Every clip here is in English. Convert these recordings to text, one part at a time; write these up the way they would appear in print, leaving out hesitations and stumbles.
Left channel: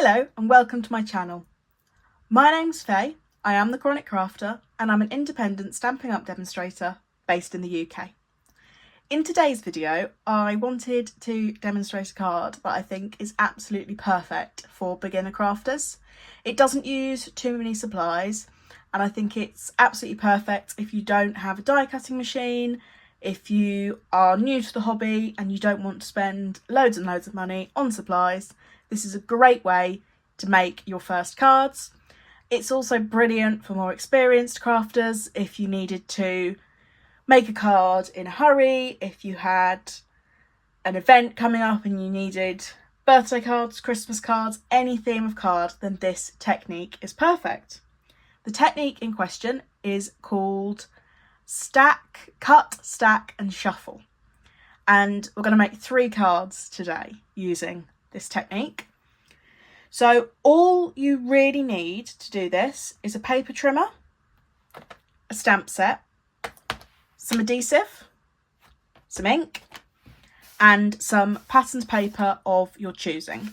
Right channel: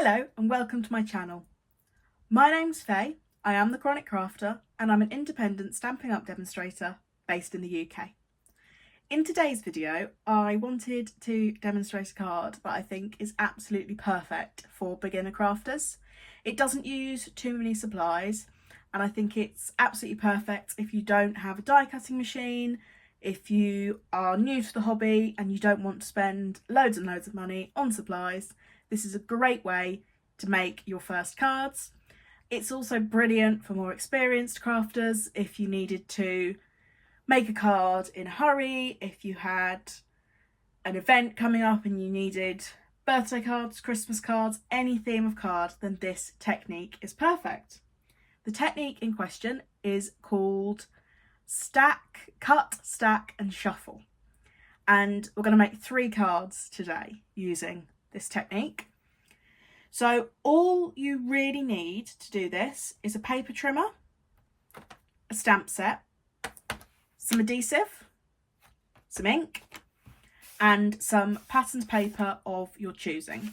Hello and welcome to my channel. My name's Faye, I am the Chronic Crafter and I'm an independent Stampin' Up demonstrator based in the UK. In today's video I wanted to demonstrate a card that I think is absolutely perfect for beginner crafters. It doesn't use too many supplies and I think it's absolutely perfect if you don't have a die cutting machine, if you are new to the hobby and you don't want to spend loads and loads of money on supplies. This is a great way to make your first cards. It's also brilliant for more experienced crafters if you needed to make a card in a hurry, if you had an event coming up and you needed birthday cards, Christmas cards, any theme of card, then this technique is perfect. The technique in question is called cut, stack and shuffle. And we're going to make 3 cards today using this technique. So all you really need to do this is a paper trimmer, a stamp set, some adhesive, some ink and some patterned paper of your choosing.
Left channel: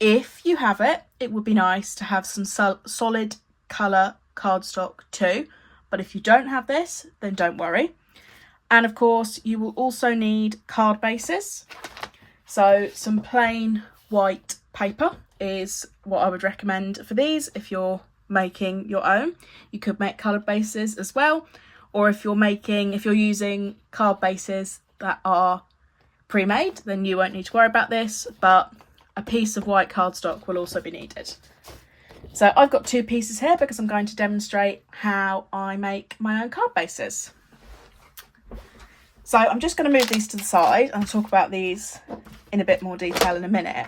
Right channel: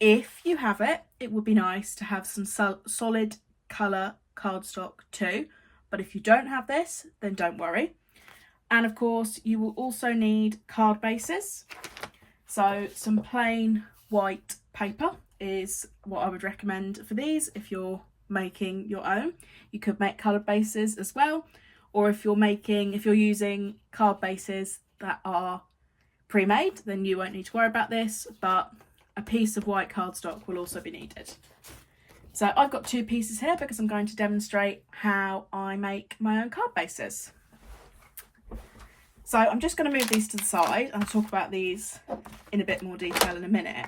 If you have it, it would be nice to have some solid colour cardstock too, but if you don't have this, then don't worry. And of course you will also need card bases. So some plain white paper is what I would recommend for these. If you're making your own, you could make coloured bases as well, or if you're using card bases that are pre-made, then you won't need to worry about this, but a piece of white cardstock will also be needed. So I've got 2 pieces here because I'm going to demonstrate how I make my own card bases. So I'm just going to move these to the side and I'll talk about these in a bit more detail in a minute.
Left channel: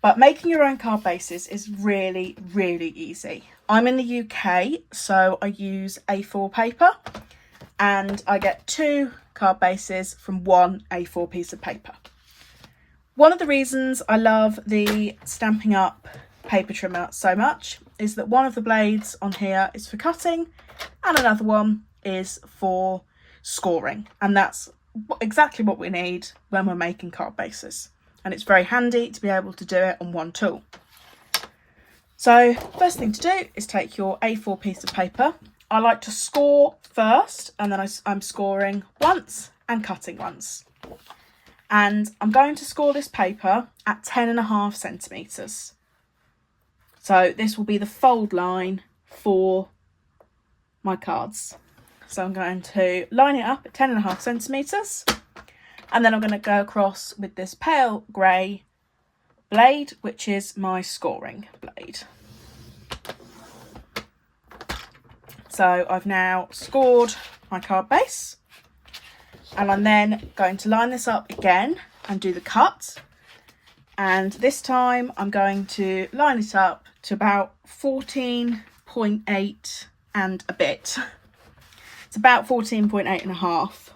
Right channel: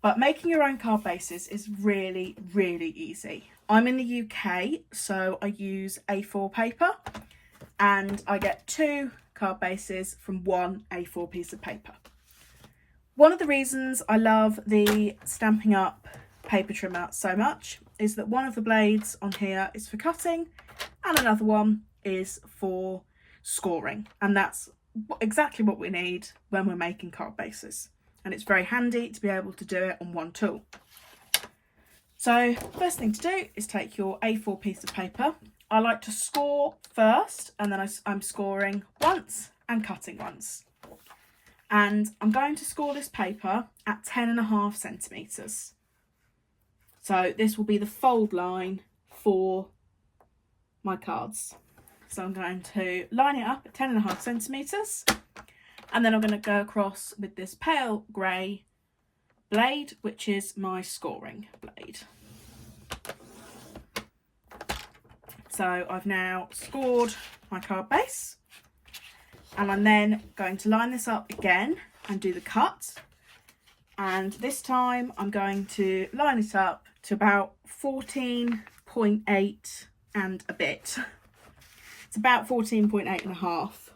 But making your own card bases is really, really easy. I'm in the UK, so I use A4 paper and I get 2 card bases from 1 A4 piece of paper. One of the reasons I love the Stampin' Up paper trimmer so much is that one of the blades on here is for cutting and another one is for scoring, and that's exactly what we need when we're making card bases, and it's very handy to be able to do it on one tool. So first thing to do is take your A4 piece of paper. I like to score first and then I'm scoring once and cutting once, and I'm going to score this paper at 10.5 centimetres. So this will be the fold line for my cards. So I'm going to line it up at 10.5 centimetres and then I'm going to go across with this pale grey blade, which is my scoring blade. So I've now scored my card base and I'm then going to line this up again and do the cut. And this time I'm going to line it up to about 14.8 and a bit. It's about 14.8 and a half.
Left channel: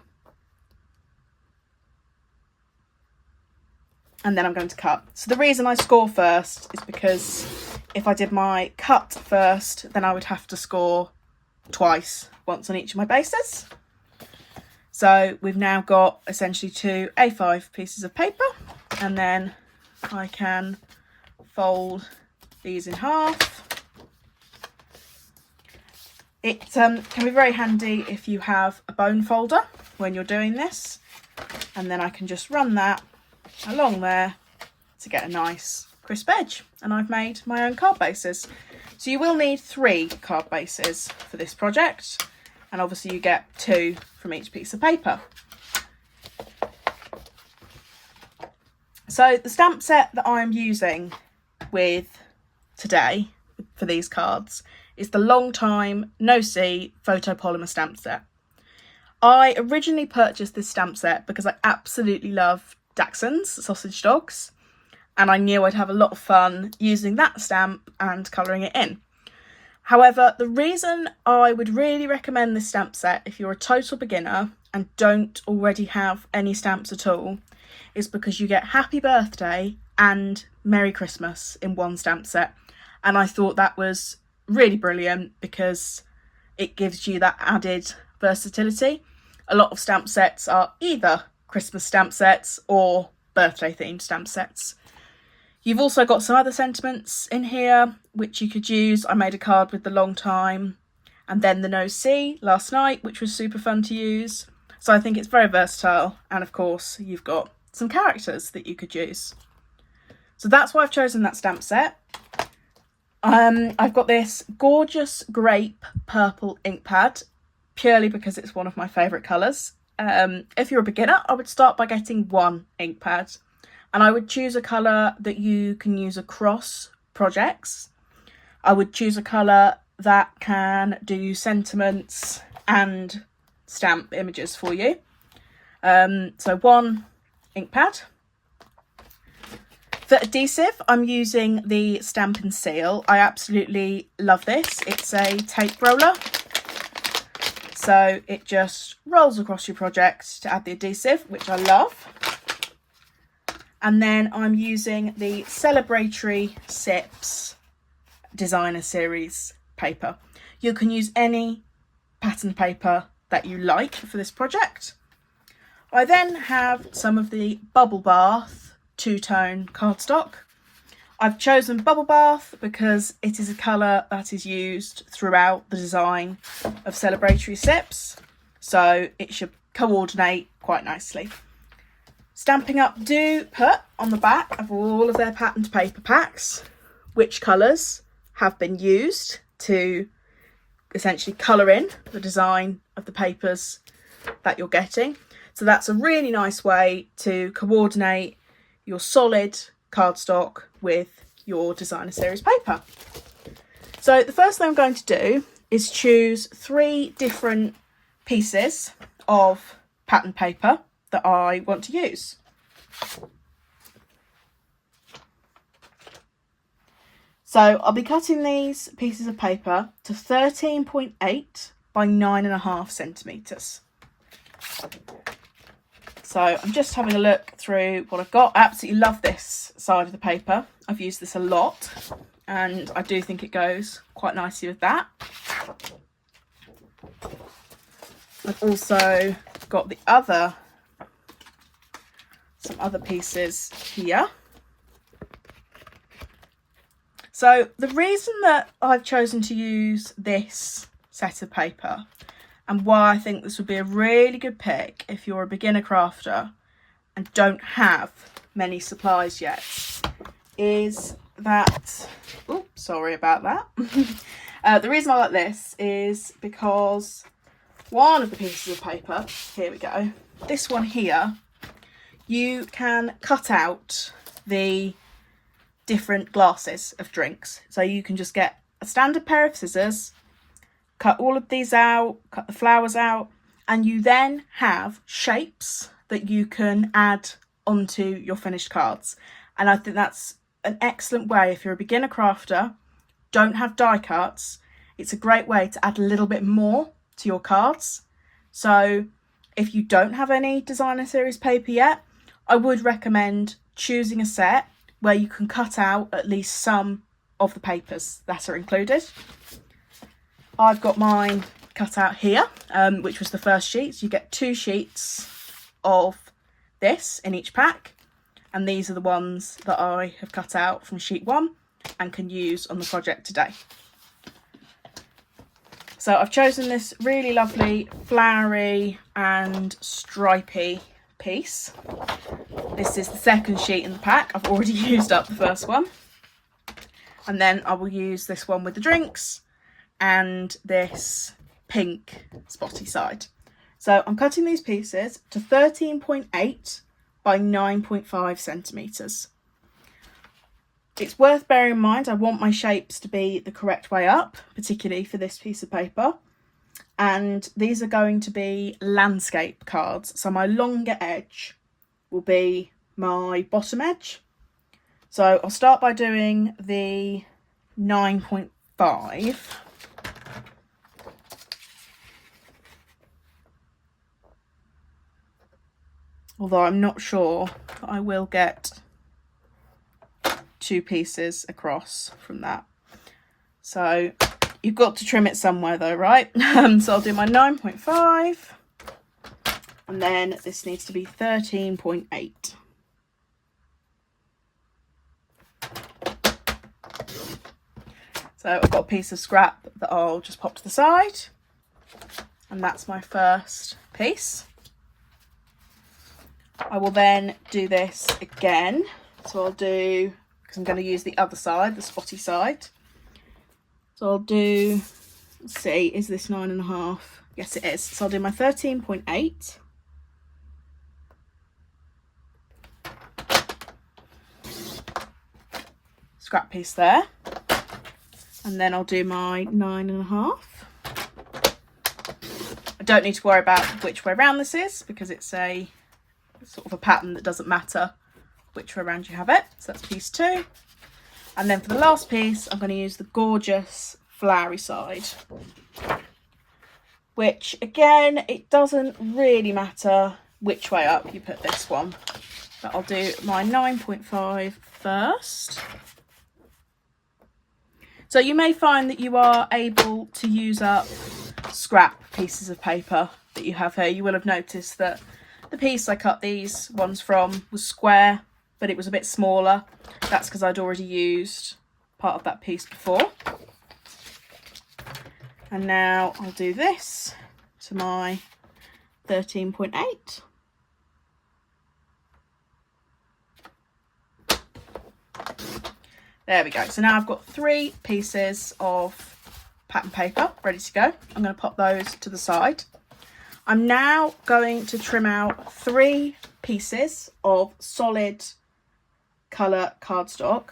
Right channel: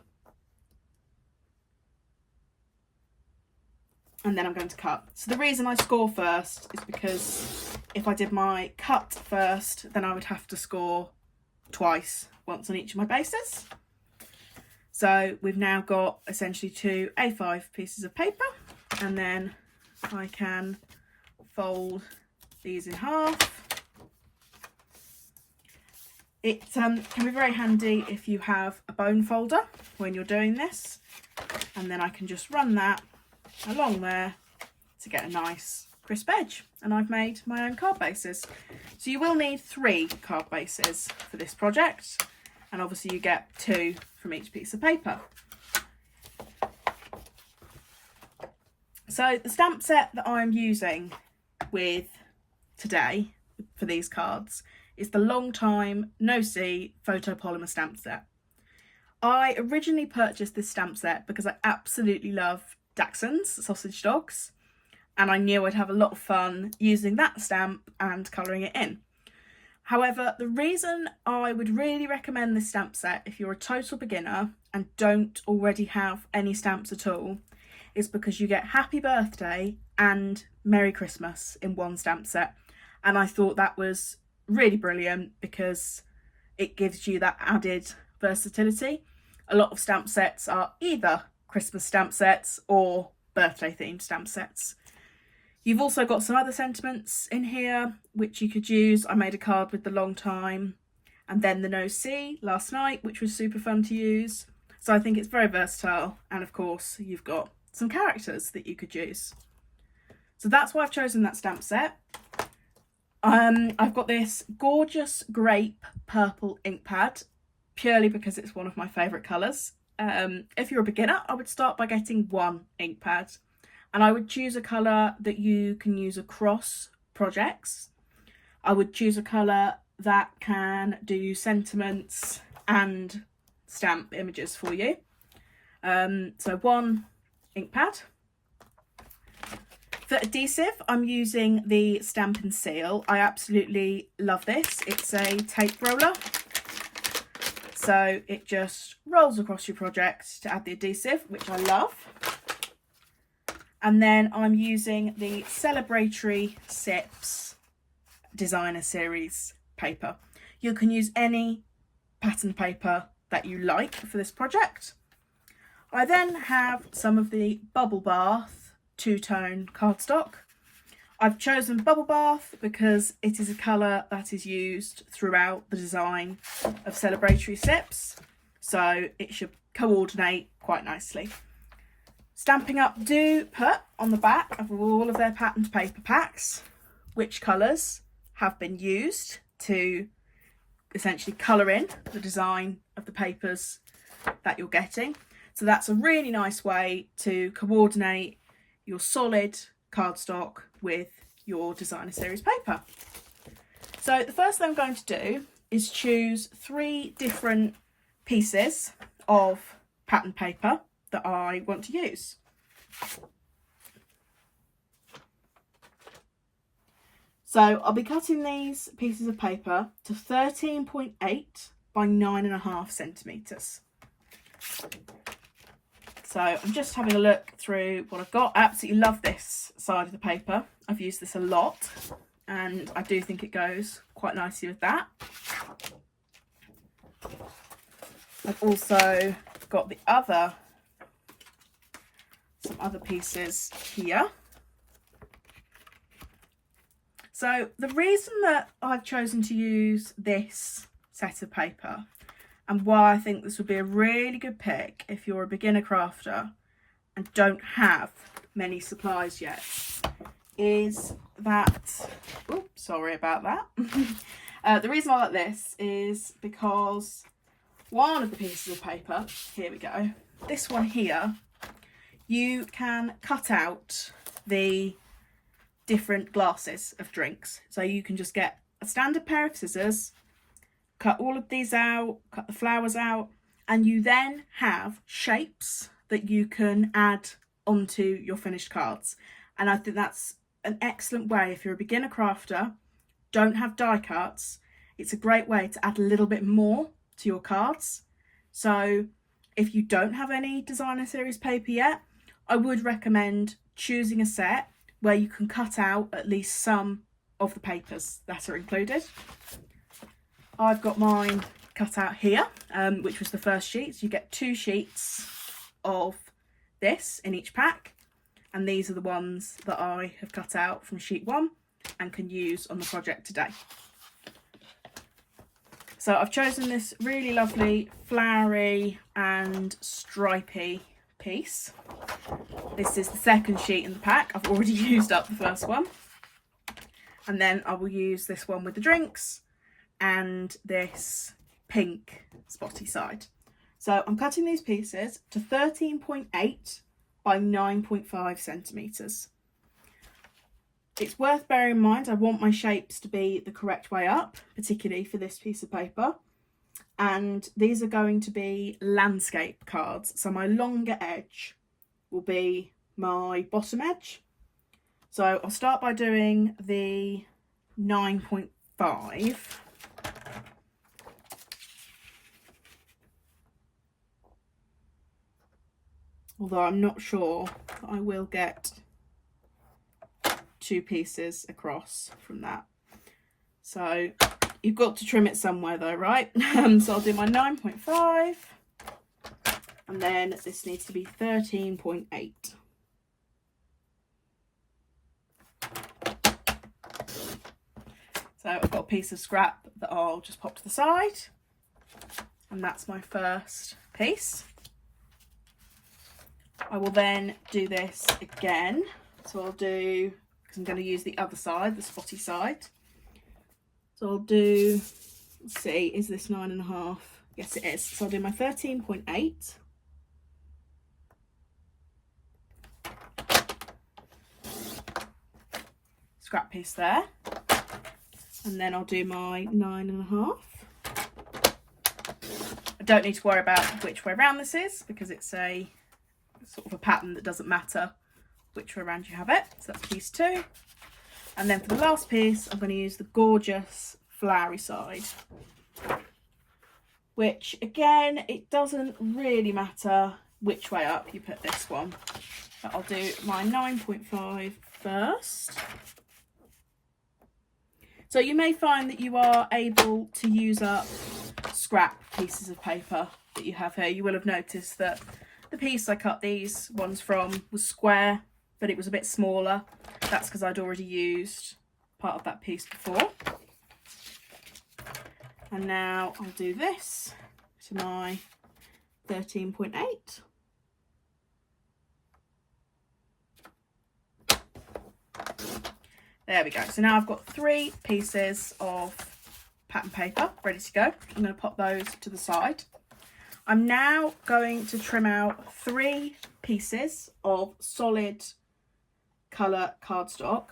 And then I'm going to cut. So the reason I score first is because if I did my cut first, then I would have to score twice, once on each of my bases. So we've now got essentially 2 A5 pieces of paper, and then I can fold these in half. It can be very handy if you have a bone folder when you're doing this, and then I can just run that along there to get a nice crisp edge, and I've made my own card bases. So you will need 3 card bases for this project, and obviously you get 2 from each piece of paper. So the stamp set that I'm using with today for these cards is the Long Time No See photopolymer stamp set. I originally purchased this stamp set because I absolutely love Dachshunds, sausage dogs, and I knew I'd have a lot of fun using that stamp and colouring it in. However, the reason I would really recommend this stamp set if you're a total beginner and don't already have any stamps at all is because you get Happy Birthday and Merry Christmas in one stamp set, and I thought that was really brilliant because it gives you that added versatility. A lot of stamp sets are either Christmas stamp sets or birthday themed stamp sets. You've also got some other sentiments in here which you could use. I made a card with the long time and then the no see last night, which was super fun to use. So I think it's very versatile, and of course you've got some characters that you could use. So that's why I've chosen that stamp set. I've got this gorgeous grape purple ink pad, purely because it's one of my favourite colours. If you're a beginner, I would start by getting one ink pad, and I would choose a colour that you can use across projects. I would choose a colour that can do sentiments and stamp images for you. So one ink pad. For adhesive, I'm using the Stampin' Seal. I absolutely love this. It's a tape roller. So it just rolls across your project to add the adhesive, which I love. And then I'm using the Celebratory Sips Designer Series paper. You can use any pattern paper that you like for this project. I then have some of the Bubble Bath two-tone cardstock. I've chosen Bubble Bath because it is a colour that is used throughout the design of Celebratory Sips, so it should coordinate quite nicely. Stampin' Up do put on the back of all of their patterned paper packs which colours have been used to essentially colour in the design of the papers that you're getting. So that's a really nice way to coordinate your solid cardstock with your designer series paper. So the first thing I'm going to do is choose 3 different pieces of pattern paper that I want to use. So I'll be cutting these pieces of paper to 13.8 by 9.5 centimetres. So I'm just having a look through what I've got. I absolutely love this side of the paper. I've used this a lot and I do think it goes quite nicely with that. I've also got some other pieces here. So the reason that I've chosen to use this set of paper, and why I think this would be a really good pick if you're a beginner crafter and don't have many supplies yet, is that, oops, sorry about that. The reason I like this is because one of the pieces of paper, here we go, this one here, you can cut out the different glasses of drinks. So you can just get a standard pair of scissors, cut all of these out, cut the flowers out, and you then have shapes that you can add onto your finished cards. And I think that's an excellent way if you're a beginner crafter, don't have die cuts, it's a great way to add a little bit more to your cards. So if you don't have any designer series paper yet, I would recommend choosing a set where you can cut out at least some of the papers that are included. I've got mine cut out here, which was the first sheet. So you get 2 sheets of this in each pack. And these are the ones that I have cut out from sheet 1 and can use on the project today. So I've chosen this really lovely flowery and stripy piece. This is the second sheet in the pack. I've already used up the first one. And then I will use this one with the drinks and this pink spotty side. So I'm cutting these pieces to 13.8 by 9.5 centimetres. It's worth bearing in mind I want my shapes to be the correct way up, particularly for this piece of paper. And these are going to be landscape cards. So my longer edge will be my bottom edge. So I'll start by doing the 9.5. Although I'm not sure I will get 2 pieces across from that. So you've got to trim it somewhere though, right? So I'll do my 9.5 and then this needs to be 13.8. So I've got a piece of scrap that I'll just pop to the side, and that's my first piece. I will then do this again. So I'll do, because I'm going to use the other side, the spotty side. So I'll do, let's see, is this 9.5? Yes, it is. So I'll do my 13.8. Scrap piece there. And then I'll do my 9.5. I don't need to worry about which way around this is, because it's a sort of a pattern that doesn't matter which way around you have it. So that's piece 2. And then for the last piece, I'm going to use the gorgeous flowery side, which again, it doesn't really matter which way up you put this one, but I'll do my 9.5 first. So you may find that you are able to use up scrap pieces of paper that you have here. You will have noticed that the piece I cut these ones from was square, but it was a bit smaller. That's because I'd already used part of that piece before. And now I'll do this to my 13.8. There we go. So now I've got 3 pieces of pattern paper ready to go. I'm going to pop those to the side. I'm now going to trim out 3 pieces of solid colour cardstock,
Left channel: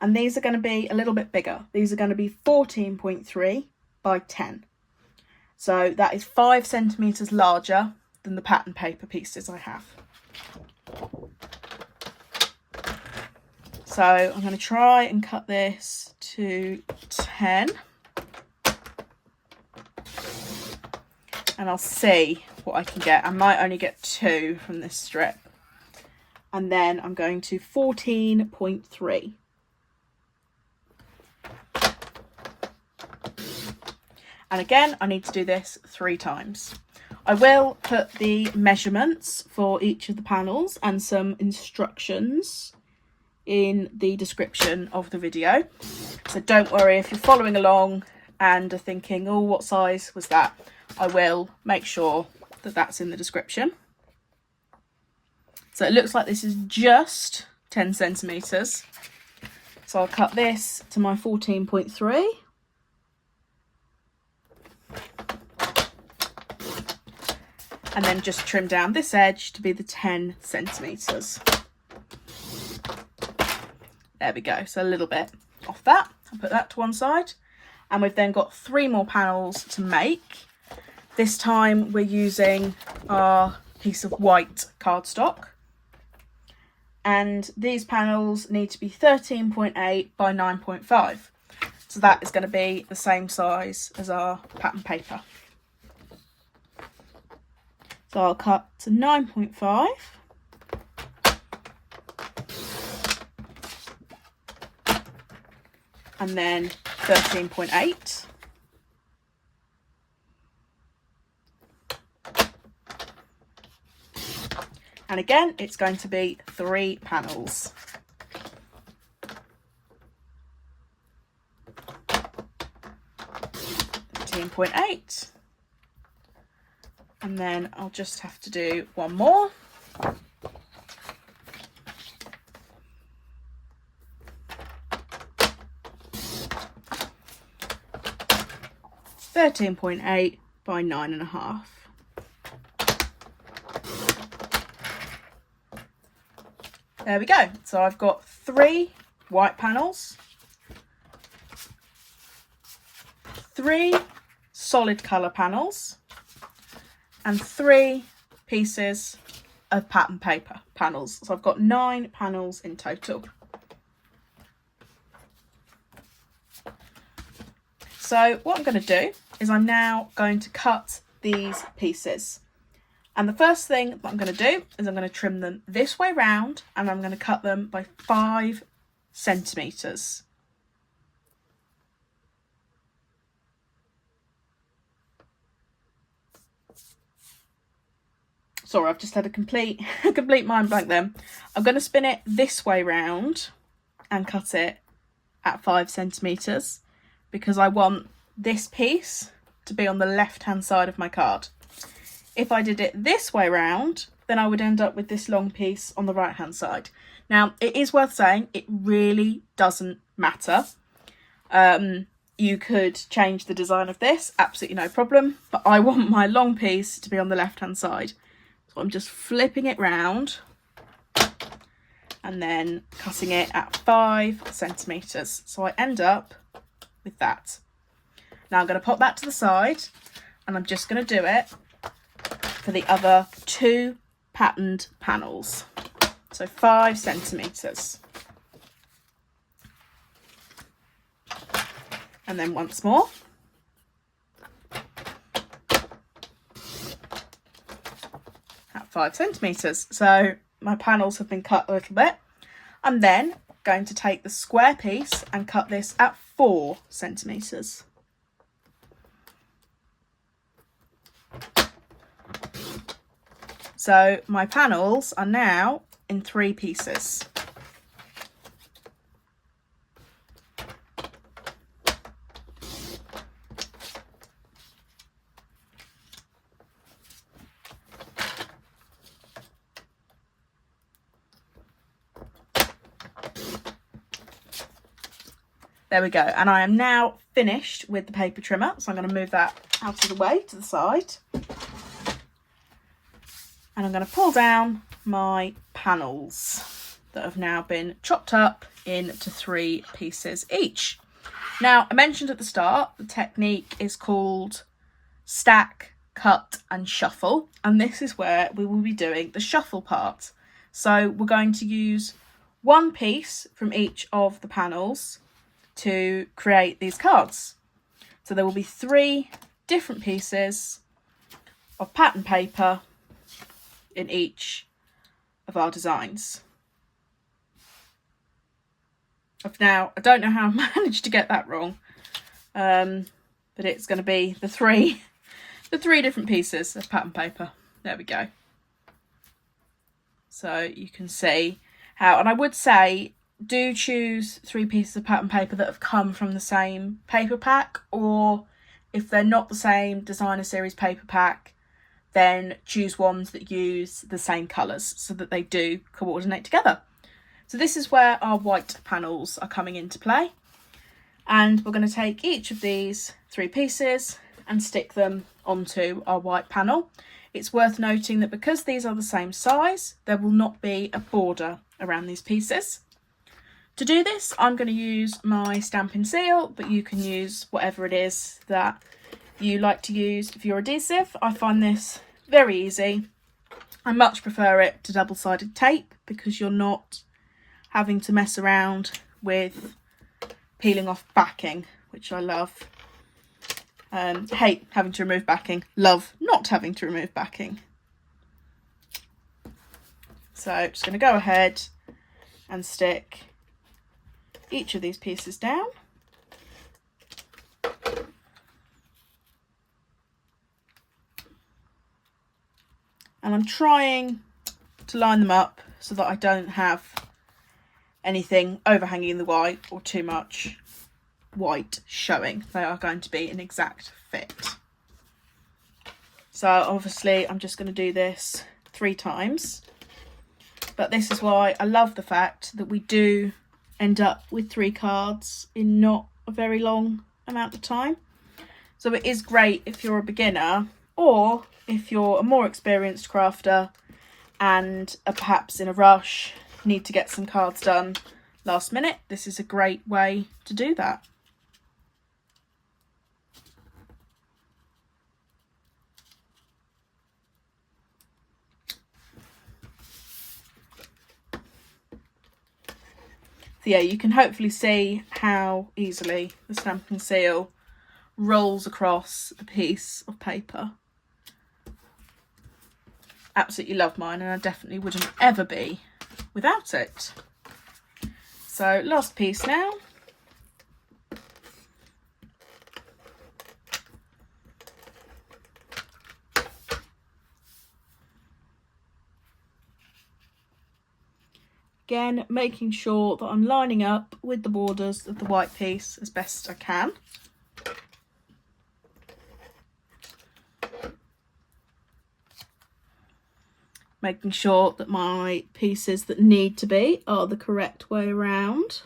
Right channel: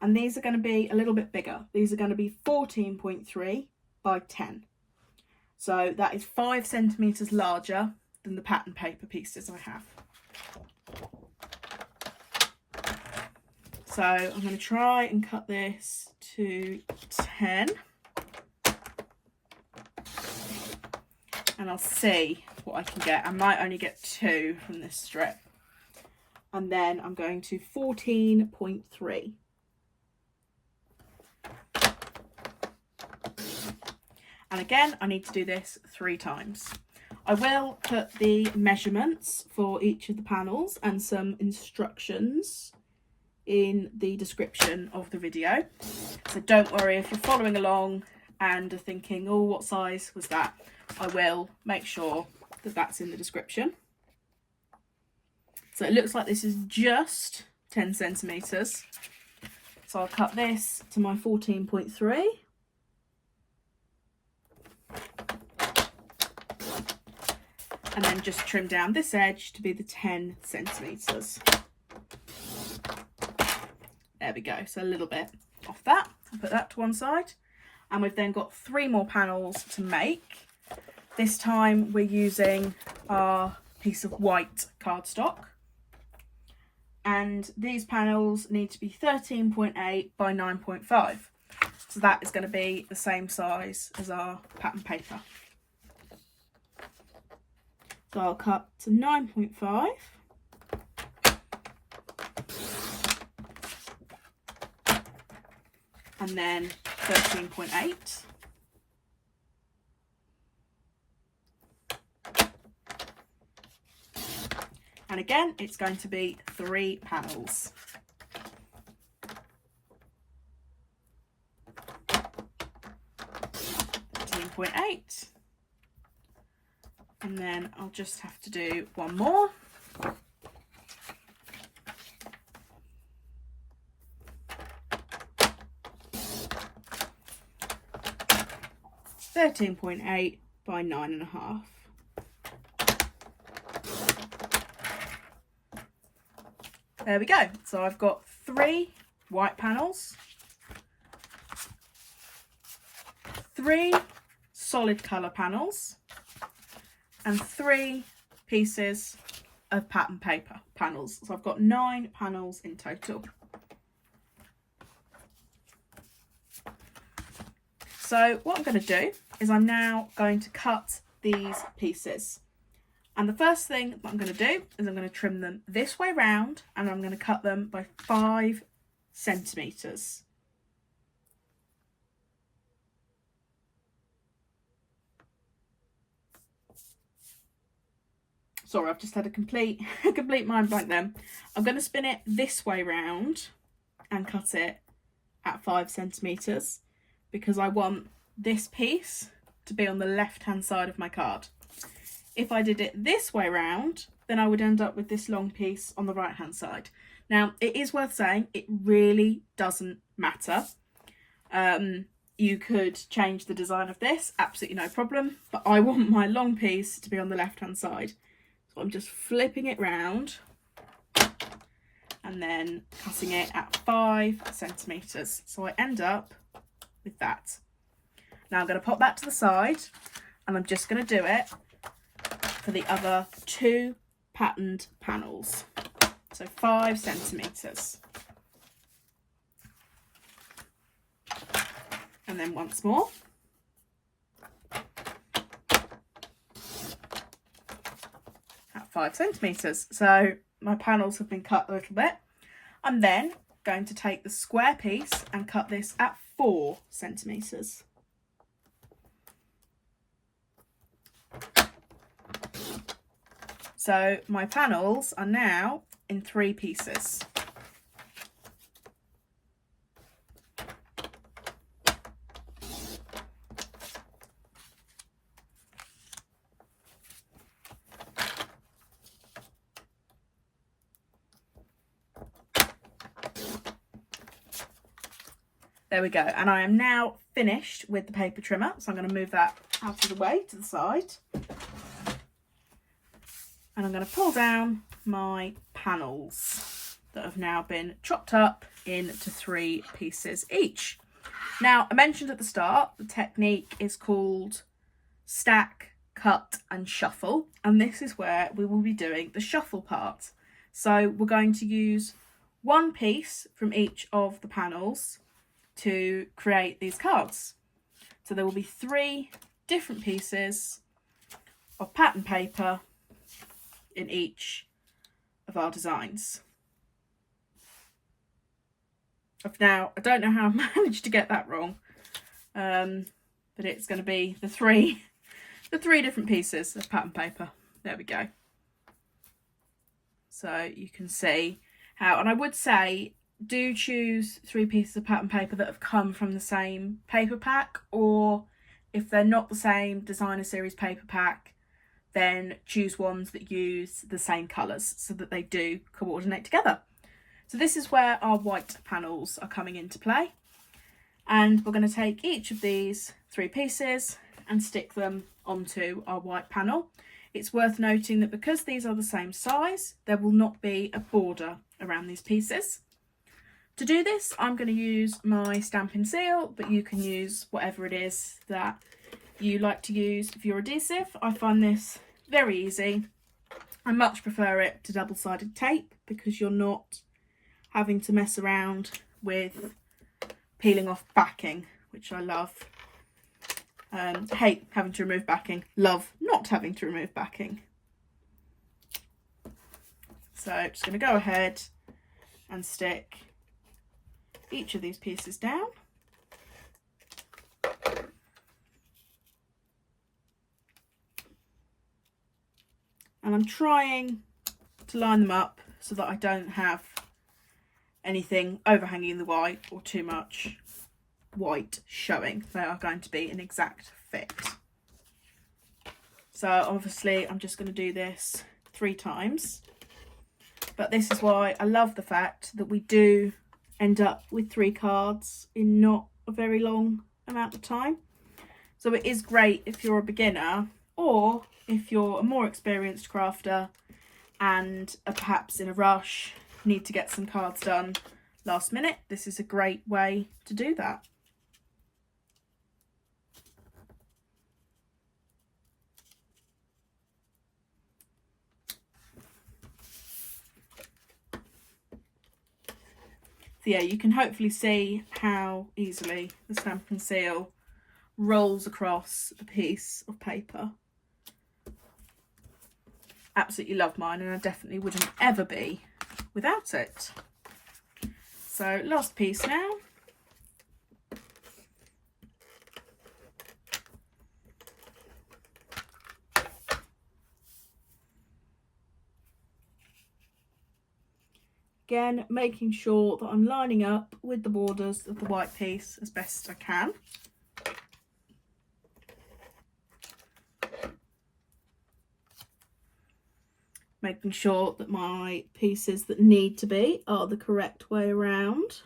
and these are going to be a little bit bigger. These are going to be 14.3 by 10. So that is 5 centimetres larger than the pattern paper pieces I have. So I'm going to try and cut this to 10. And I'll see what I can get. I might only get 2 from this strip. And then I'm going to 14.3. And again, I need to do this 3 times. I will put the measurements for each of the panels and some instructions in the description of the video. So don't worry if you're following along and are thinking, oh, what size was that? I will make sure that that's in the description. So it looks like this is just 10 centimetres. So I'll cut this to my 14.3. And then just trim down this edge to be the 10 centimetres. There we go, so a little bit off that. I'll put that to one side. And we've then got 3 more panels to make. This time we're using our piece of white cardstock. And these panels need to be 13.8 by 9.5. So that is going to be the same size as our pattern paper. So I'll cut to 9.5. And then 13.8. And again, it's going to be 3 panels. .8. And then I'll just have to do one more. .8 by 9.5. There we go. So I've got 3 white panels, 3 solid colour panels, and 3 pieces of pattern paper panels. So I've got 9 panels in total. So what I'm going to do is I'm now going to cut these pieces. And the first thing that I'm going to do is I'm going to trim them this way round, and I'm going to cut them by 5 centimetres. Sorry, I've just had a complete mind blank then. I'm going to spin it this way round and cut it at 5 centimetres. because I want this piece to be on the left hand side of my card. If I did it this way round, then I would end up with this long piece on the right hand side. Now, it is worth saying it really doesn't matter. You could change the design of this, absolutely no problem, but I want my long piece to be on the left hand side. So I'm just flipping it round and then cutting it at 5 centimetres. So I end up with that. Now I'm going to pop that to the side, and I'm just going to do it for the other 2 patterned panels. So 5 centimetres. And then once more. At 5 centimetres. So my panels have been cut a little bit. I'm then going to take the square piece and cut this at 4 centimetres. So my panels are now in 3 pieces. There we go, and I am now finished with the paper trimmer, so I'm going to move that out of the way to the side. And I'm going to pull down my panels that have now been chopped up into 3 pieces each. Now, I mentioned at the start, the technique is called stack, cut and shuffle, and this is where we will be doing the shuffle part. So we're going to use 1 piece from each of the panels to create these cards. So there will be 3 different pieces of pattern paper in each of our designs. Now, I don't know how I managed to get that wrong, but it's going to be the three different pieces of pattern paper. There we go. So you can see how, and I would say do choose 3 pieces of pattern paper that have come from the same paper pack, or if they're not the same designer series paper pack, then choose ones that use the same colours so that they do coordinate together. So this is where our white panels are coming into play, and we're going to take each of these 3 pieces and stick them onto our white panel. It's worth noting that because these are the same size, there will not be a border around these pieces. To do this, I'm going to use my Stampin' Seal, but you can use whatever it is that you like to use for your adhesive. I find this very easy. I much prefer it to double-sided tape because you're not having to mess around with peeling off backing, which I love. Hate having to remove backing, love not having to remove backing. So I'm just going to go ahead and stick each of these pieces down. And I'm trying to line them up so that I don't have anything overhanging the white or too much white showing. They are going to be an exact fit. So obviously I'm just going to do this 3 times. But this is why I love the fact that we do end up with 3 cards in not a very long amount of time. So it is great if you're a beginner, or if you're a more experienced crafter and are perhaps in a rush, need to get some cards done last minute. This is a great way to do that. So yeah, you can hopefully see how easily the Stampin' Seal rolls across a piece of paper. Absolutely love mine, and I definitely wouldn't ever be without it. So last piece now. Again, making sure that I'm lining up with the borders of the white piece as best I can. making sure that my pieces that need to be are the correct way around.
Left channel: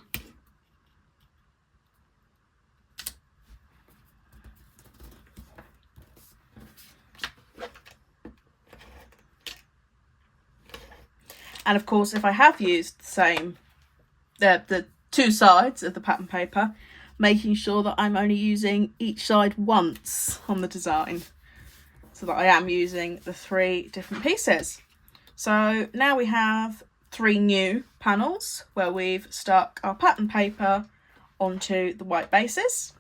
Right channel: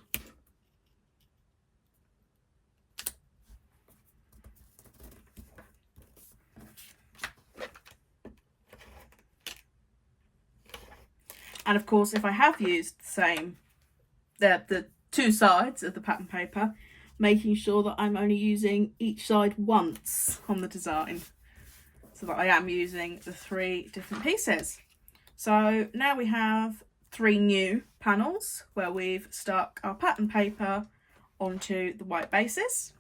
And of course, if I have used the two sides of the pattern paper, making sure that I'm only using each side once on the design, so that I am using the 3 different pieces. So now we have 3 new panels where we've stuck our pattern paper onto the white bases.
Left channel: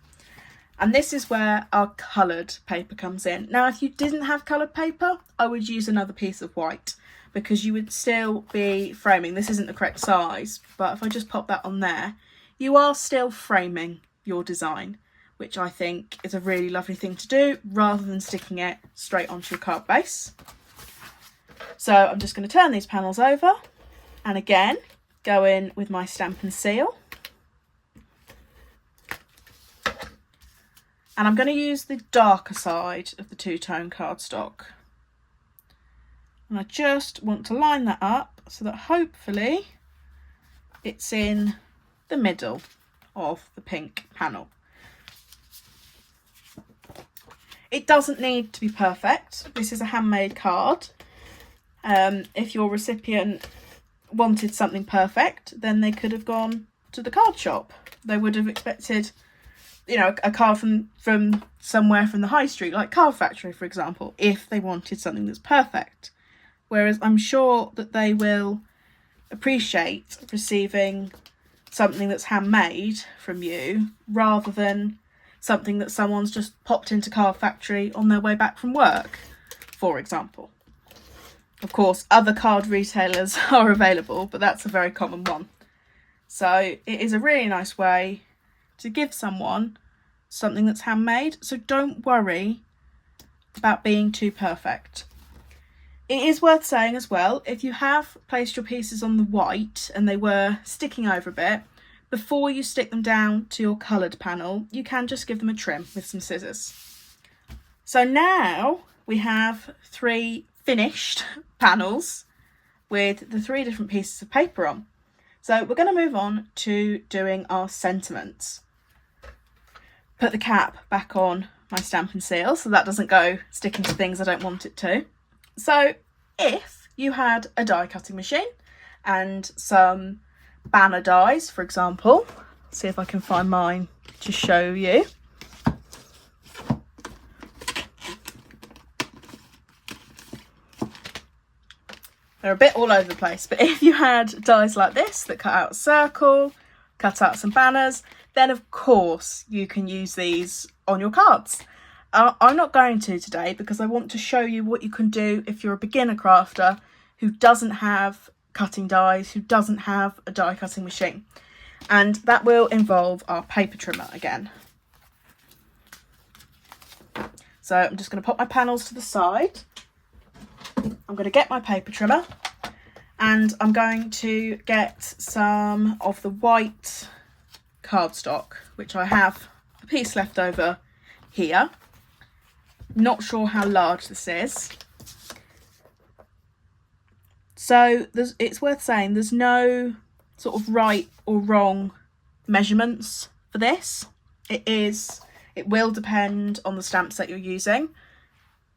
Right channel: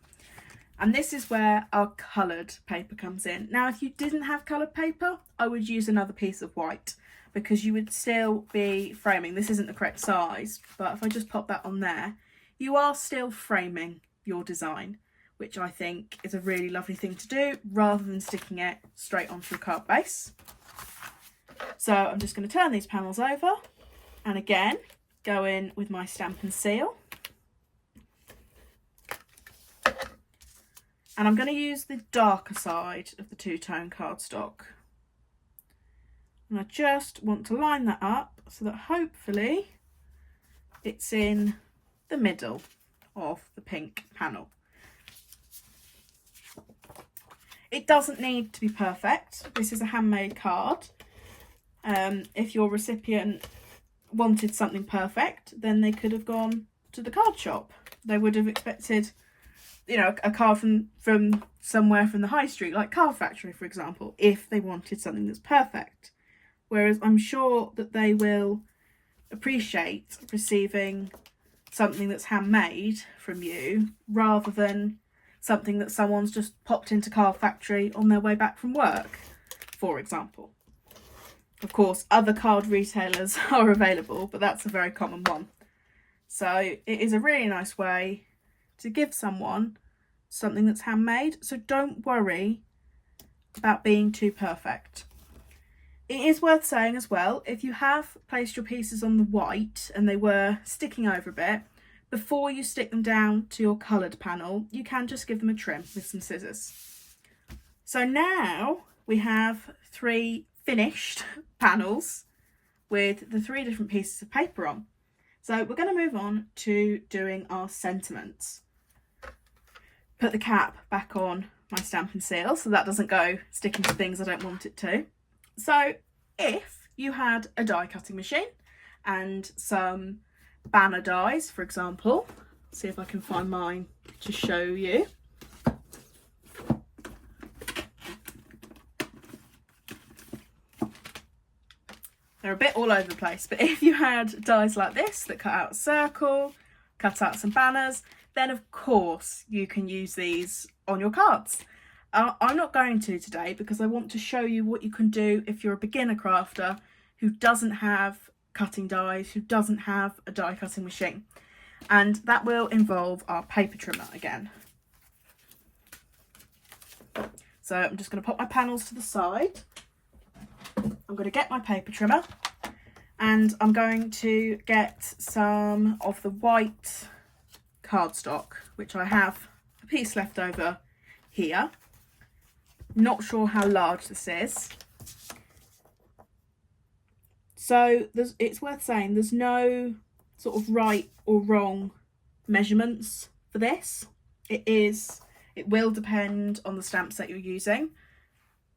And this is where our coloured paper comes in. Now, if you didn't have coloured paper, I would use another piece of white, because you would still be framing. This isn't the correct size, but if I just pop that on there, you are still framing your design, which I think is a really lovely thing to do, rather than sticking it straight onto your card base. So I'm just going to turn these panels over, and again go in with my stamp and seal, and I'm going to use the darker side of the two-tone cardstock, and I just want to line that up so that hopefully it's in the middle of the pink panel. It doesn't need to be perfect. This is a handmade card. If your recipient wanted something perfect, then they could have gone to the card shop. They would have expected, you know, a card from somewhere from the high street, like Card Factory, for example, if they wanted something that's perfect. Whereas I'm sure that they will appreciate receiving something that's handmade from you, rather than something that someone's just popped into Card Factory on their way back from work, for example. Of course, other card retailers are available, but that's a very common one. So it is a really nice way to give someone something that's handmade. So don't worry about being too perfect. It is worth saying as well, if you have placed your pieces on the white and they were sticking over a bit, before you stick them down to your coloured panel, you can just give them a trim with some scissors. So now we have 3 finished panels with the 3 different pieces of paper on. So we're going to move on to doing our sentiments. Put the cap back on my stamp and seal so that doesn't go sticking to things I don't want it to. So if you had a die cutting machine and some banner dies, for example, see if I can find mine to show you. They're a bit all over the place, but if you had dies like this that cut out a circle, cut out some banners, then of course you can use these on your cards. I'm not going to today because I want to show you what you can do if you're a beginner crafter who doesn't have cutting dies, who doesn't have a die cutting machine. And that will involve our paper trimmer again. So I'm just going to pop my panels to the side. I'm going to get my paper trimmer and I'm going to get some of the white cardstock, which I have a piece left over here. Not sure how large this is. So it's worth saying there's no sort of right or wrong measurements for this. It will depend on the stamps that you're using.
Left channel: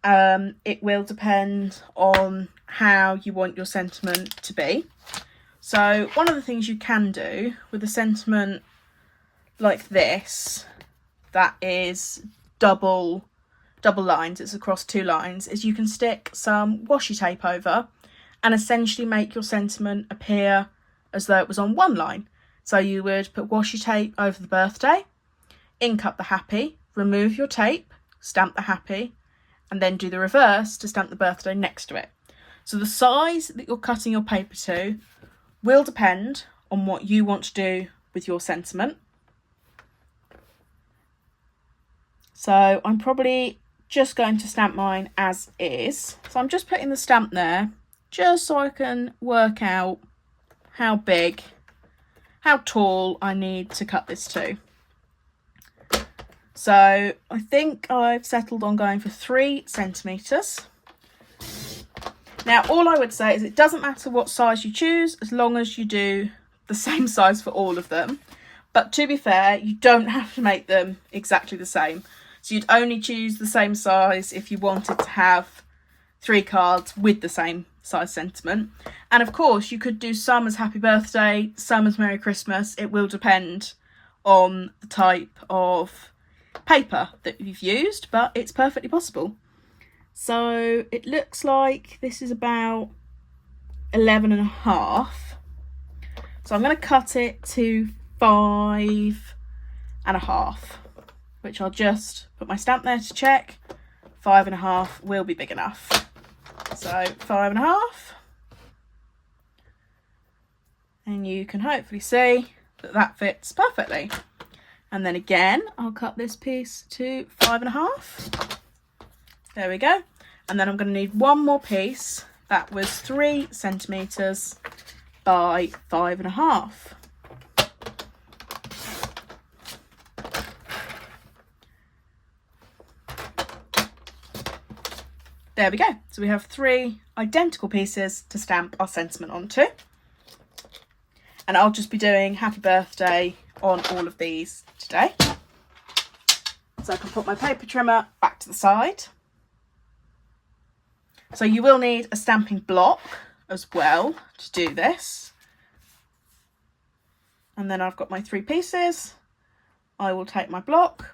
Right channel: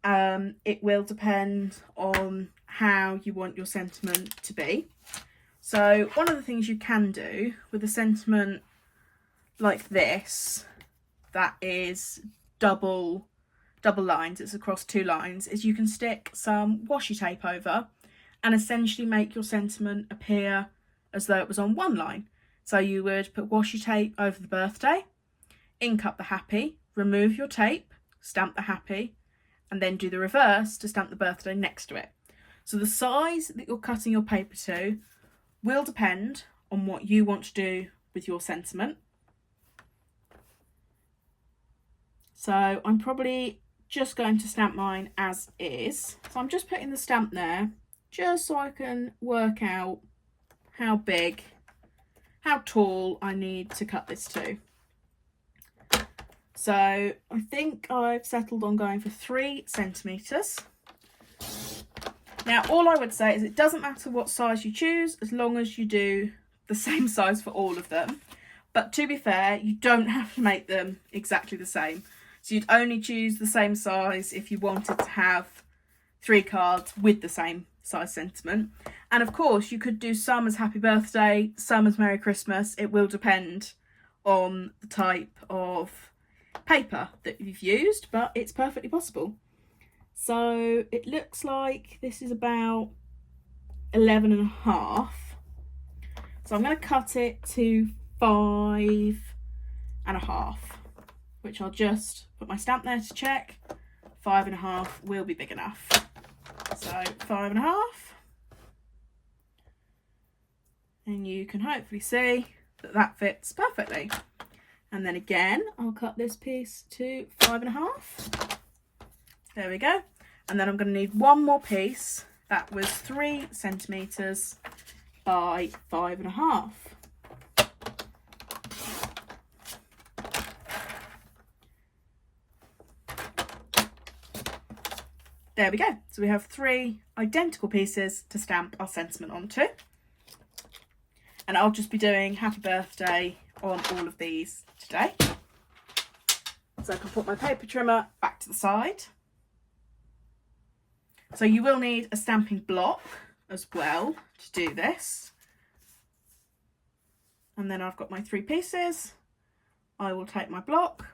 It will depend on how you want your sentiment to be. So one of the things you can do with a sentiment like this, that is double lines, it's across 2 lines, is you can stick some washi tape over and essentially make your sentiment appear as though it was on 1 line. So you would put washi tape over the birthday, ink up the happy, remove your tape, stamp the happy, and then do the reverse to stamp the birthday next to it. So the size that you're cutting your paper to will depend on what you want to do with your sentiment. So I'm probably just going to stamp mine as is. So I'm just putting the stamp there just so I can work out how big, how tall I need to cut this to. So I think I've settled on going for 3 centimetres. Now, all I would say is it doesn't matter what size you choose as long as you do the same size for all of them. But to be fair, you don't have to make them exactly the same. So you'd only choose the same size if you wanted to have 3 cards with the same size sentiment. And of course, you could do some as Happy Birthday, some as Merry Christmas. It will depend on the type of paper that you've used, but it's perfectly possible. So it looks like this is about 11.5. So I'm going to cut it to 5.5, which I'll just put my stamp there to check. 5.5 will be big enough. So 5.5, and you can hopefully see that that fits perfectly. And then again, I'll cut this piece to 5.5. There we go. And then I'm going to need one more piece that was 3 centimetres by 5.5. There we go. So we have 3 identical pieces to stamp our sentiment onto. And I'll just be doing Happy Birthday on all of these today. So I can put my paper trimmer back to the side. So you will need a stamping block as well to do this. And then I've got my 3 pieces. I will take my block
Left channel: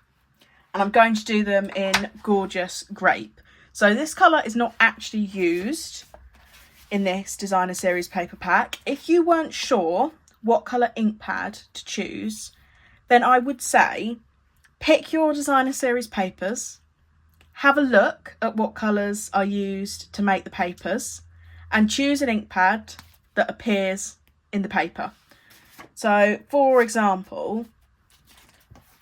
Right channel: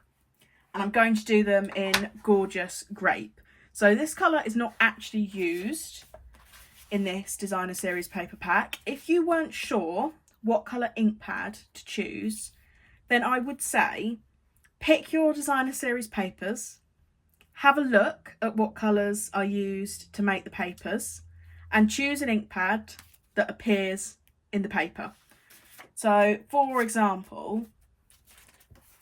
and I'm going to do them in Gorgeous Grape. So this colour is not actually used in this designer series paper pack. If you weren't sure what colour ink pad to choose, then I would say pick your designer series papers, have a look at what colours are used to make the papers, and choose an ink pad that appears in the paper. So for example,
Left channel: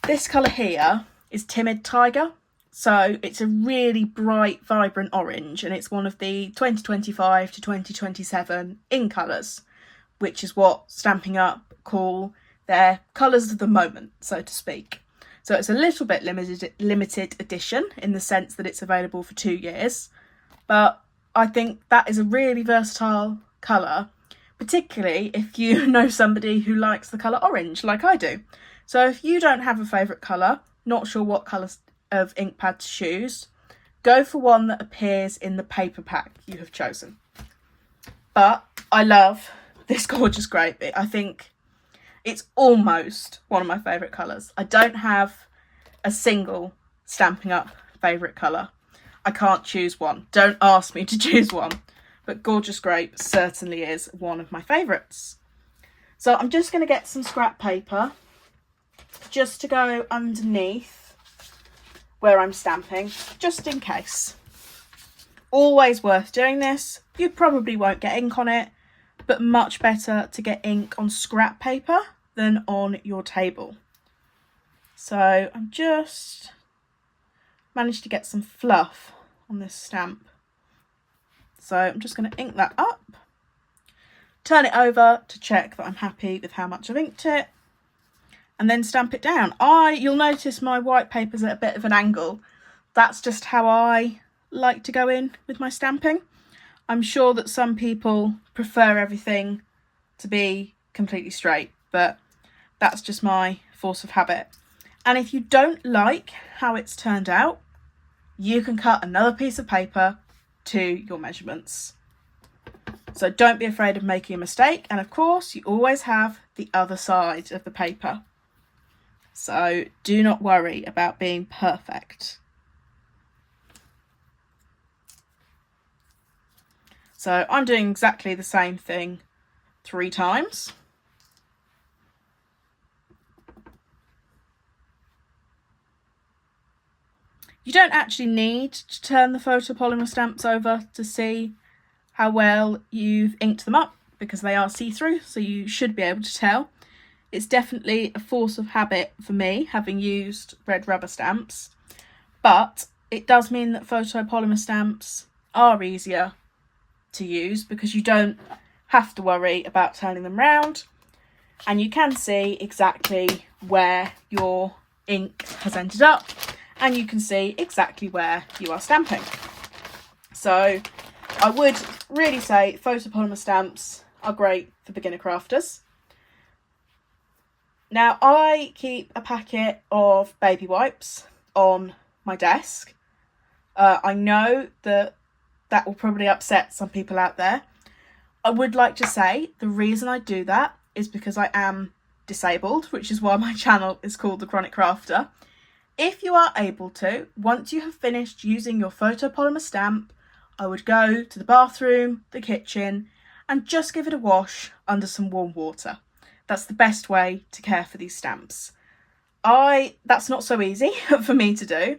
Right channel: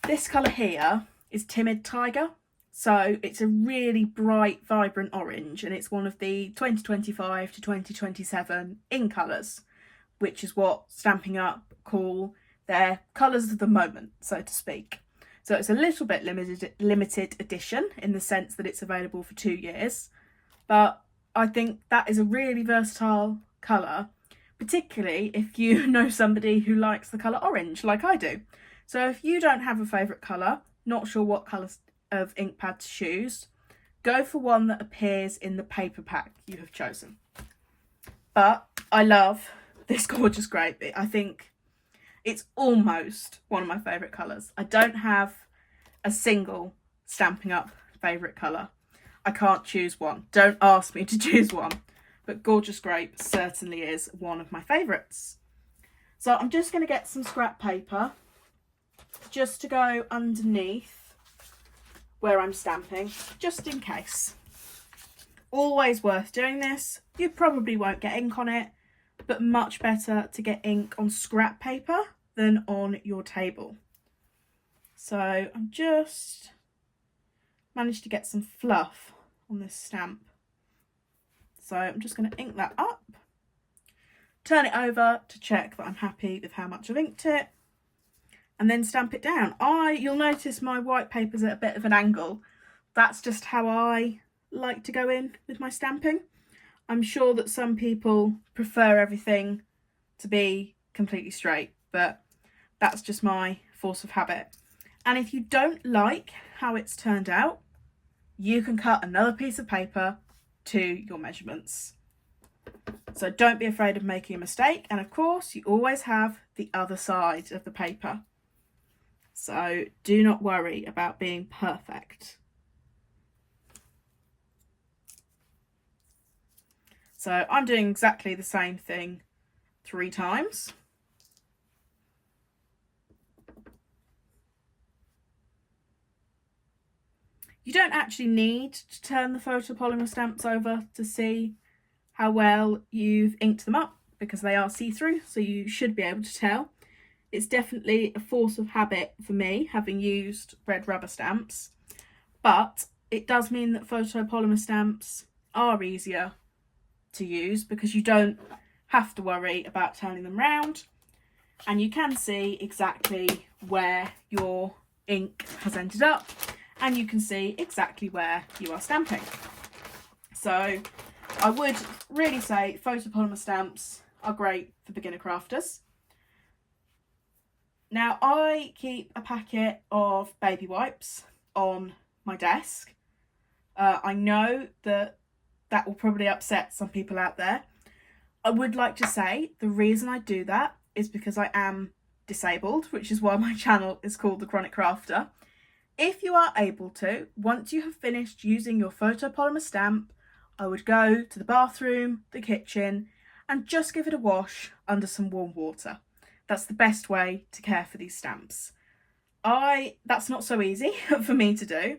this colour here is Timid Tiger. So it's a really bright, vibrant orange, and it's one of the 2025 to 2027 in colours, which is what Stampin' Up call their colours of the moment, so to speak. So it's a little bit limited edition in the sense that it's available for 2 years, but I think that is a really versatile colour, particularly if you know somebody who likes the colour orange like I do. So if you don't have a favourite colour, not sure what colours of ink pad to choose, go for one that appears in the paper pack you have chosen. But I love this Gorgeous Grape. I think it's almost one of my favourite colours. I don't have a single Stampin' Up favourite colour. I can't choose one. Don't ask me to choose one. But Gorgeous Grape certainly is one of my favourites. So I'm just going to get some scrap paper just to go underneath where I'm stamping, just in case. Always worth doing this. You probably won't get ink on it, but much better to get ink on scrap paper than on your table. So I'm just managed to get some fluff on this stamp. So I'm just going to ink that up, turn it over to check that I'm happy with how much I've inked it, and then stamp it down. You'll notice my white paper's at a bit of an angle. That's just how I like to go in with my stamping. I'm sure that some people prefer everything to be completely straight, but that's just my force of habit. And if you don't like how it's turned out, you can cut another piece of paper to your measurements. So don't be afraid of making a mistake. And of course, you always have the other side of the paper. So do not worry about being perfect. So I'm doing exactly the same thing 3 times. You don't actually need to turn the photopolymer stamps over to see how well you've inked them up, because they are see-through, so you should be able to tell. It's definitely a force of habit for me, having used red rubber stamps, but it does mean that photopolymer stamps are easier to use because you don't have to worry about turning them round, and you can see exactly where your ink has ended up, and you can see exactly where you are stamping. So I would really say photopolymer stamps are great for beginner crafters. Now, I keep a packet of baby wipes on my desk. I know that will probably upset some people out there. I would like to say the reason I do that is because I am disabled, which is why my channel is called The Chronic Crafter. If you are able to, once you have finished using your photopolymer stamp, I would go to the bathroom, the kitchen, and just give it a wash under some warm water. That's the best way to care for these stamps. That's not so easy for me to do.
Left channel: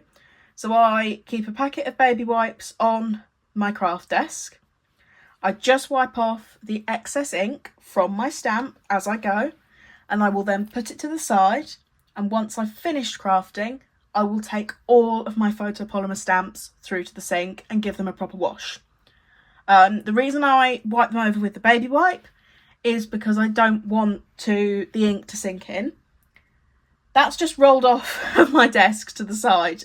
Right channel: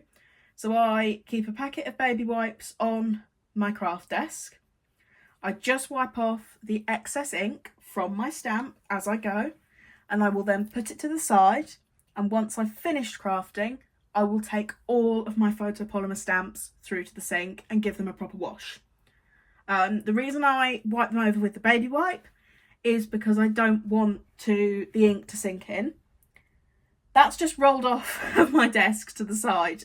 So I keep a packet of baby wipes on my craft desk. I just wipe off the excess ink from my stamp as I go, and I will then put it to the side. And once I've finished crafting, I will take all of my photopolymer stamps through to the sink and give them a proper wash. The reason I wipe them over with the baby wipe is because I don't want the ink to sink in. That's just rolled off of my desk to the side.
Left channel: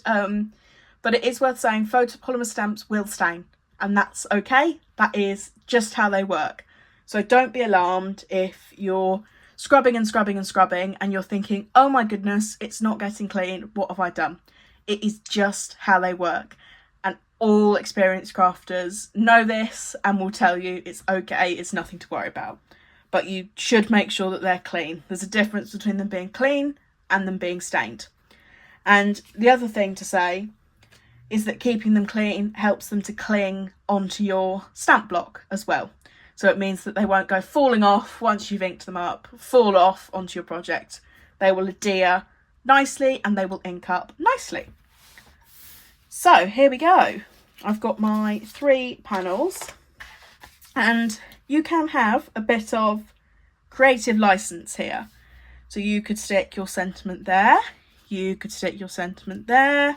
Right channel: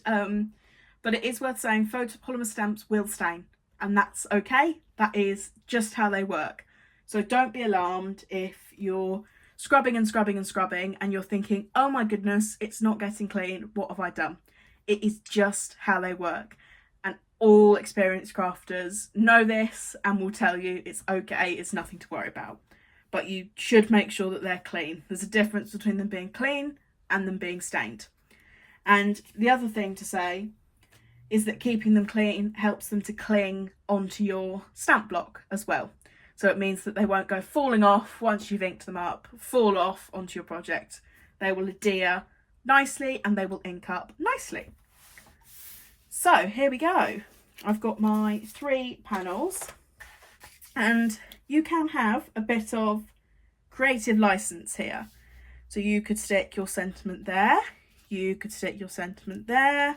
But it is worth saying photopolymer stamps will stain, and that's okay. That is just how they work. So don't be alarmed if you're scrubbing and scrubbing and scrubbing and you're thinking, oh my goodness, it's not getting clean. What have I done? It is just how they work. And all experienced crafters know this and will tell you it's okay, it's nothing to worry about. But you should make sure that they're clean. There's a difference between them being clean and them being stained. And the other thing to say is that keeping them clean helps them to cling onto your stamp block as well. So it means that they won't go falling off once you've inked them up, fall off onto your project. They will adhere nicely and they will ink up nicely. So here we go. I've got my 3 panels, and you can have a bit of creative license here. So you could stick your sentiment there, you could stick your sentiment there,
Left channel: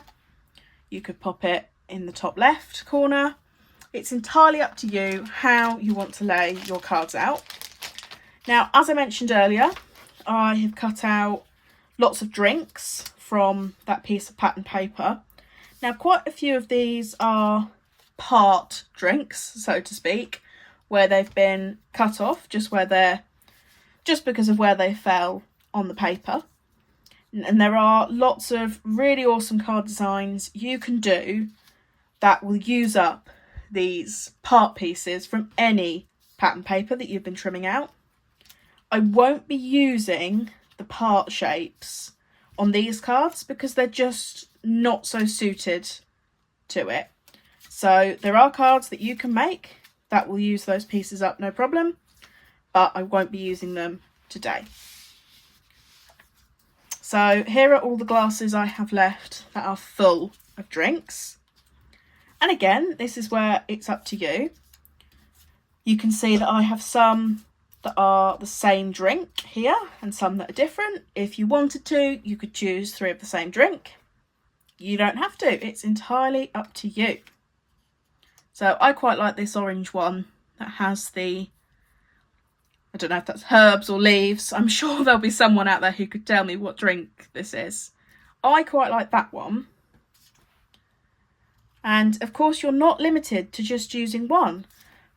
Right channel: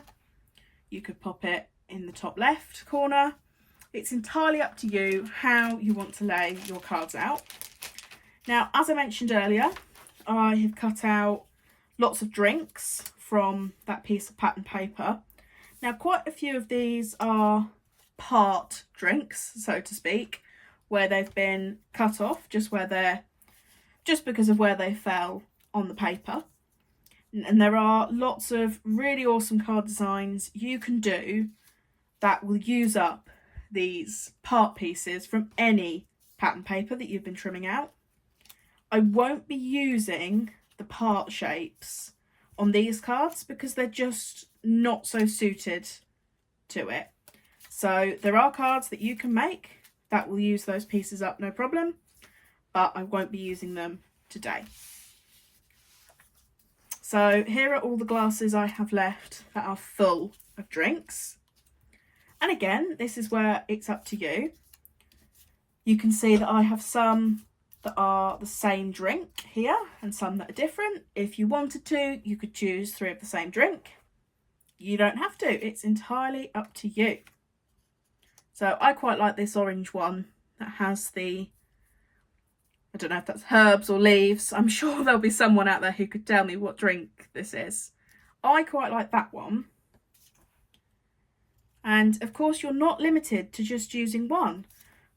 you could pop it in the top left corner. It's entirely up to you how you want to lay your cards out. Now, as I mentioned earlier, I have cut out lots of drinks from that piece of pattern paper. Now, quite a few of these are part drinks, so to speak, where they've been cut off just because of where they fell on the paper. And there are lots of really awesome card designs you can do that will use up these part pieces from any pattern paper that you've been trimming out. I won't be using the part shapes on these cards because they're just not so suited to it. So there are cards that you can make that will use those pieces up, no problem, but I won't be using them today. So here are all the glasses I have left that are full of drinks. And again, this is where it's up to you. You can see that I have some that are the same drink here and some that are different. If you wanted to, you could choose 3 of the same drink. You don't have to. It's entirely up to you. So I quite like this orange one that has I don't know if that's herbs or leaves. I'm sure there'll be someone out there who could tell me what drink this is. I quite like that one. And of course, you're not limited to just using one.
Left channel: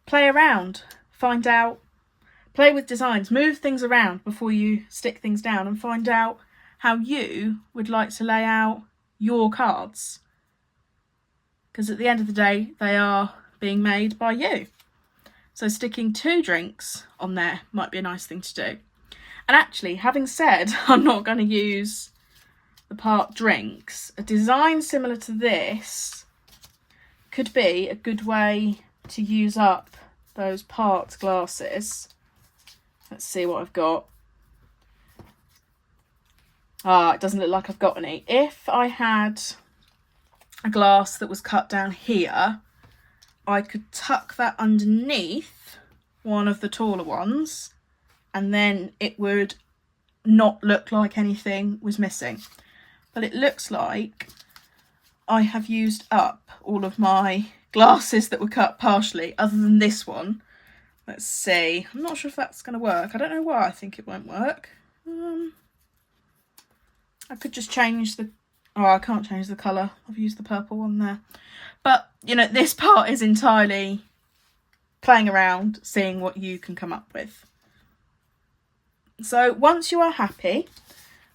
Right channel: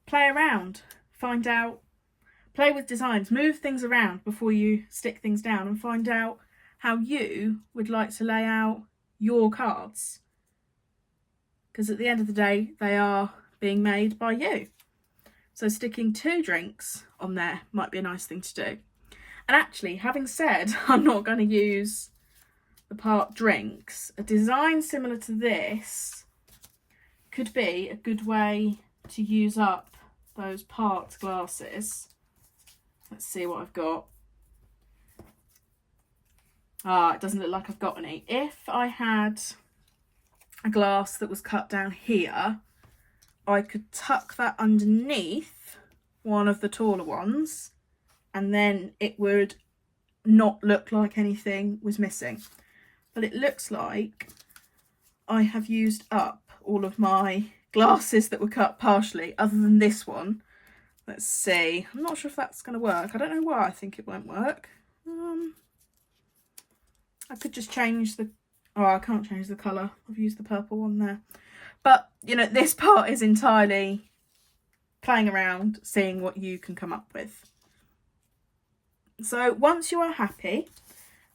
Play around, find out, play with designs, move things around before you stick things down and find out how you would like to lay out your cards. Because at the end of the day, they are being made by you. So sticking 2 drinks on there might be a nice thing to do. And actually, having said I'm not going to use the part drinks, a design similar to this could be a good way to use up those part glasses. Let's see what I've got. It doesn't look like I've got any. If I had a glass that was cut down here, I could tuck that underneath one of the taller ones, and then it would not look like anything was missing. But it looks like I have used up all of my glasses that were cut partially, other than this one. Let's see. I'm not sure if that's going to work. I don't know why I think it won't work. I could just change the... Oh, I can't change the colour. I've used the purple one there. But, you know, this part is entirely playing around, seeing what you can come up with. So once you are happy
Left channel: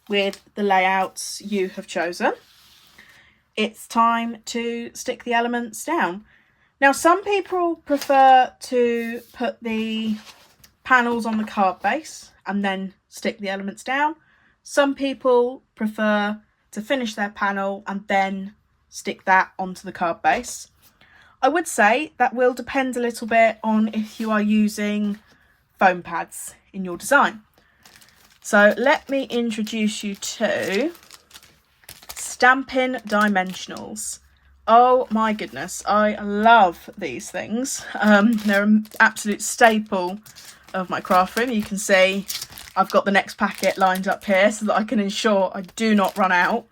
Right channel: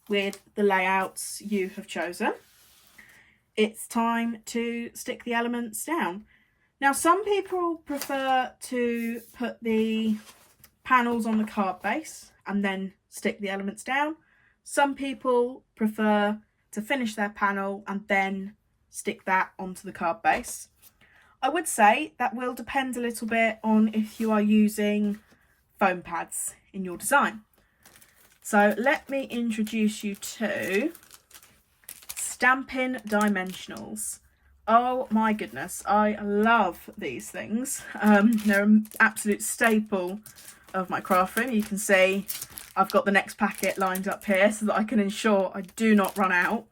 with the layouts you have chosen, it's time to stick the elements down. Now, some people prefer to put the panels on the card base and then stick the elements down. Some people prefer to finish their panel and then stick that onto the card base. I would say that will depend a little bit on if you are using foam pads in your design. So let me introduce you to Stampin' Dimensionals. Oh my goodness, I love these things. They're an absolute staple of my craft room. You can see I've got the next packet lined up here so that I can ensure I do not run out.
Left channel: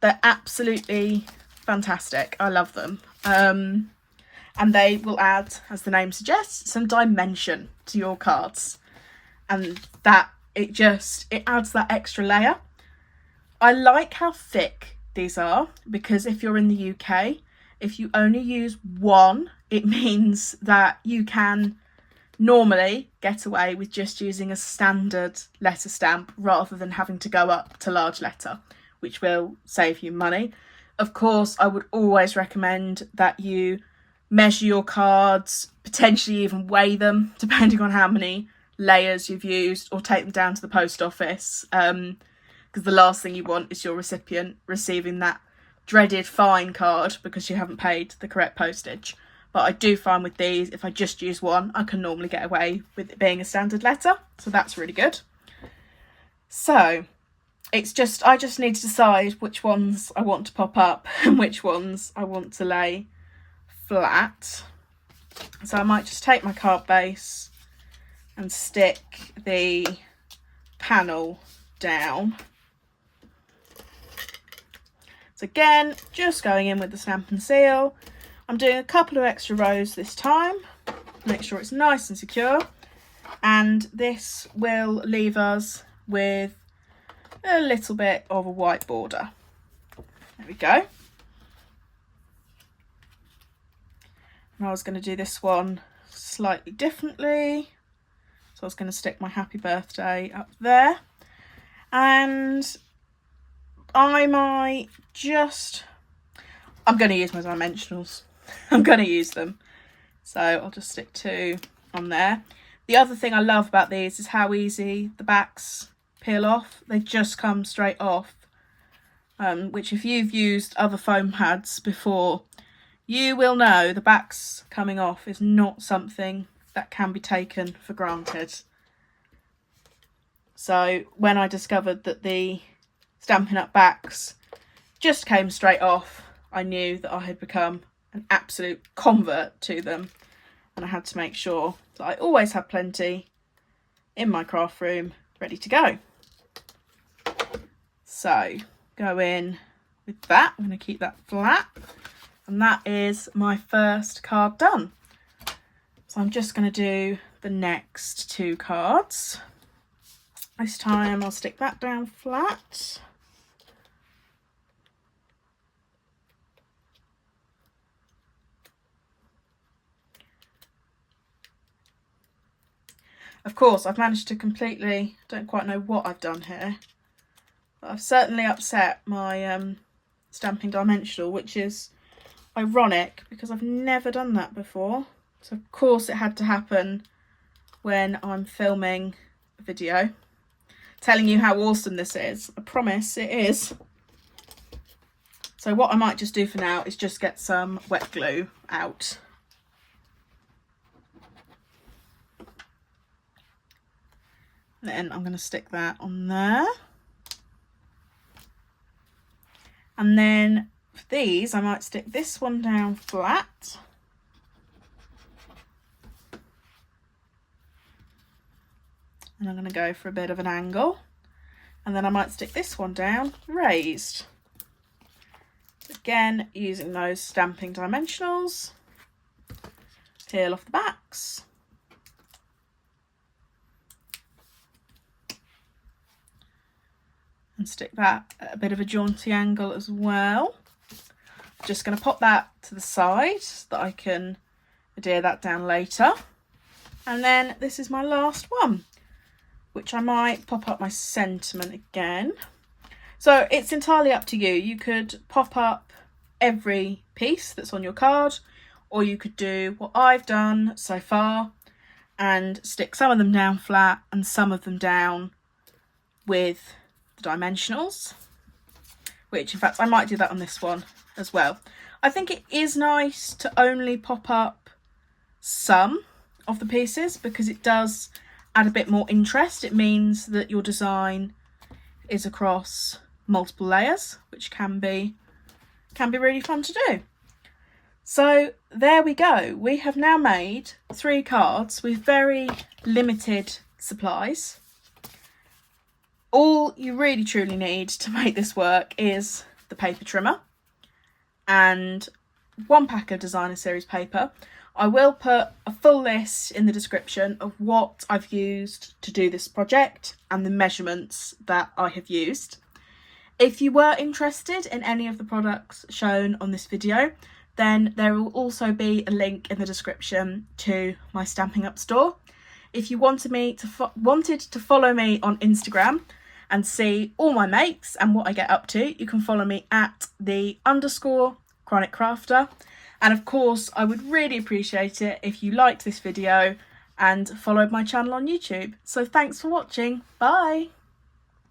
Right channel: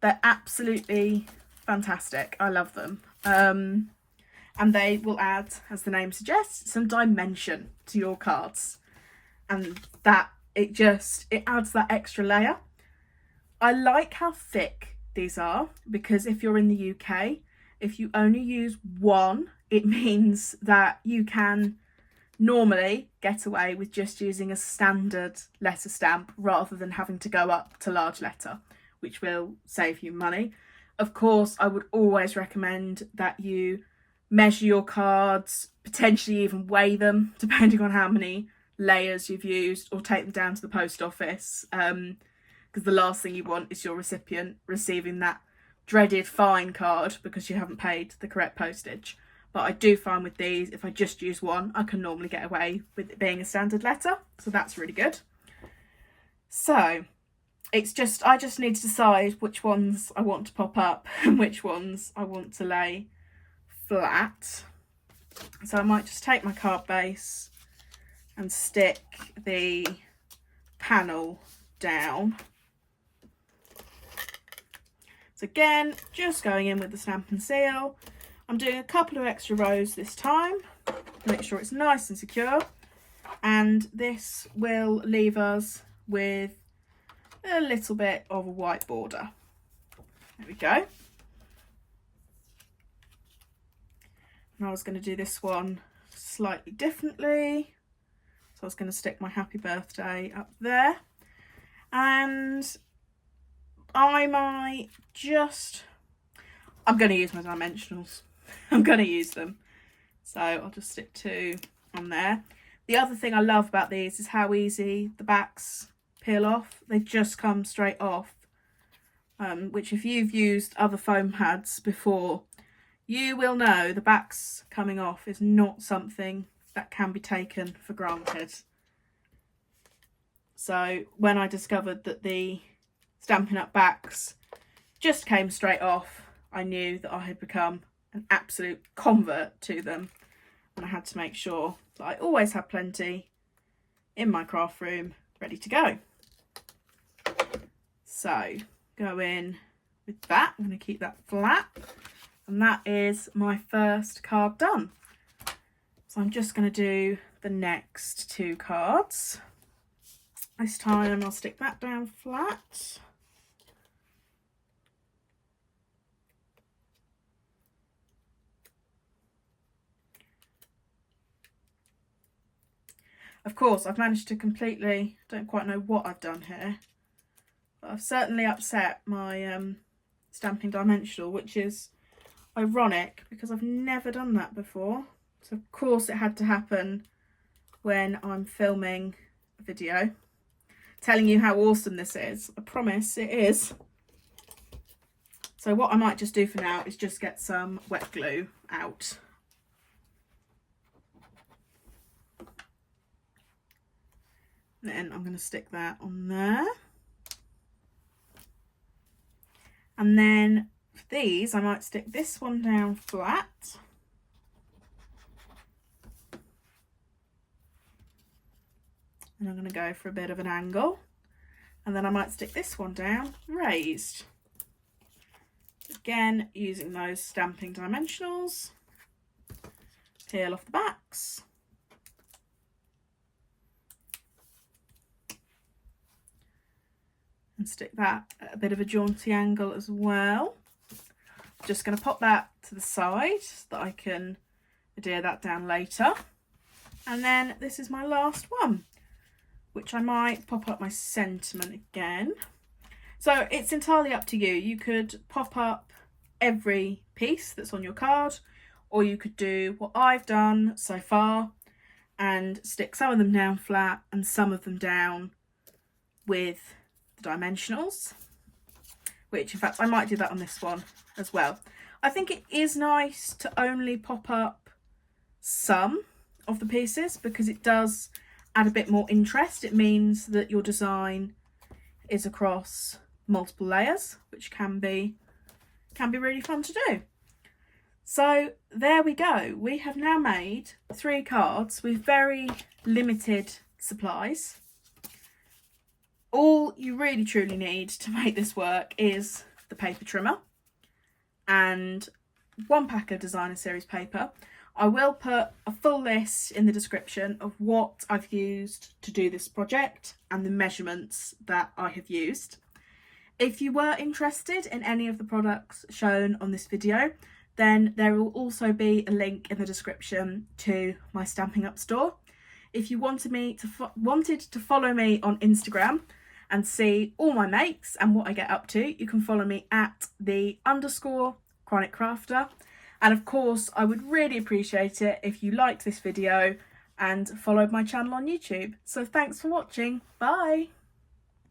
They're absolutely fantastic. I love them. And they will add, as the name suggests, some dimension to your cards. And that, it adds that extra layer. I like how thick these are, because if you're in the UK, if you only use one, it means that you can normally get away with just using a standard letter stamp rather than having to go up to large letter, which will save you money. Of course, I would always recommend that you measure your cards, potentially even weigh them, depending on how many layers you've used, or take them down to the post office, because the last thing you want is your recipient receiving that dreaded fine card because you haven't paid the correct postage. But I do find with these, if I just use one, I can normally get away with it being a standard letter, so that's really good. So I just need to decide which ones I want to pop up and which ones I want to lay flat. So I might just take my card base and stick the panel down. So again, just going in with the stamp and seal. I'm doing a couple of extra rows this time, make sure it's nice and secure, and this will leave us with a little bit of a white border. There we go. And I was going to do this one slightly differently, so I was going to stick my happy birthday up there, and I'm going to use my dimensionals. I'm going to use them. So I'll just stick 2 on there. The other thing I love about these is how easy the backs peel off. They just come straight off, which if you've used other foam pads before, you will know the backs coming off is not something that can be taken for granted. So when I discovered that the Stampin' Up backs just came straight off, I knew that I had become an absolute convert to them, and I had to make sure that I always had plenty in my craft room ready to go. So go in with that. I'm going to keep that flat, and that is my first card done. So I'm just going to do the next 2 cards. This time I'll stick that down flat. Of course, I've managed to completely, don't quite know what I've done here, but I've certainly upset my stamping dimensional, which is ironic because I've never done that before. So of course it had to happen when I'm filming a video telling you how awesome this is. I promise it is. So what I might just do for now is just get some wet glue out. Then I'm going to stick that on there. And then for these, I might stick this one down flat. And I'm going to go for a bit of an angle. And then I might stick this one down raised. Again, using those stamping dimensionals. Peel off the backs. And stick that at a bit of a jaunty angle as well. Just going to pop that to the side so that I can adhere that down later. And then this is my last one, which I might pop up my sentiment again. So it's entirely up to you. You could pop up every piece that's on your card, or you could do what I've done so far and stick some of them down flat and some of them down with the dimensionals, which in fact I might do that on this one as well. I think it is nice to only pop up some of the pieces because it does add a bit more interest. It means that your design is across multiple layers, which can be really fun to do. So there we go. We have now made 3 cards with very limited supplies. All you really truly need to make this work is the paper trimmer and 1 pack of designer series paper. I will put a full list in the description of what I've used to do this project and the measurements that I have used. If you were interested in any of the products shown on this video, then there will also be a link in the description to my Stampin' Up store. If you wanted to follow me on Instagram and see all my makes and what I get up to, you can follow me at _chronic crafter. And of course, I would really appreciate it if you liked this video and followed my channel on YouTube. So thanks for watching. Bye.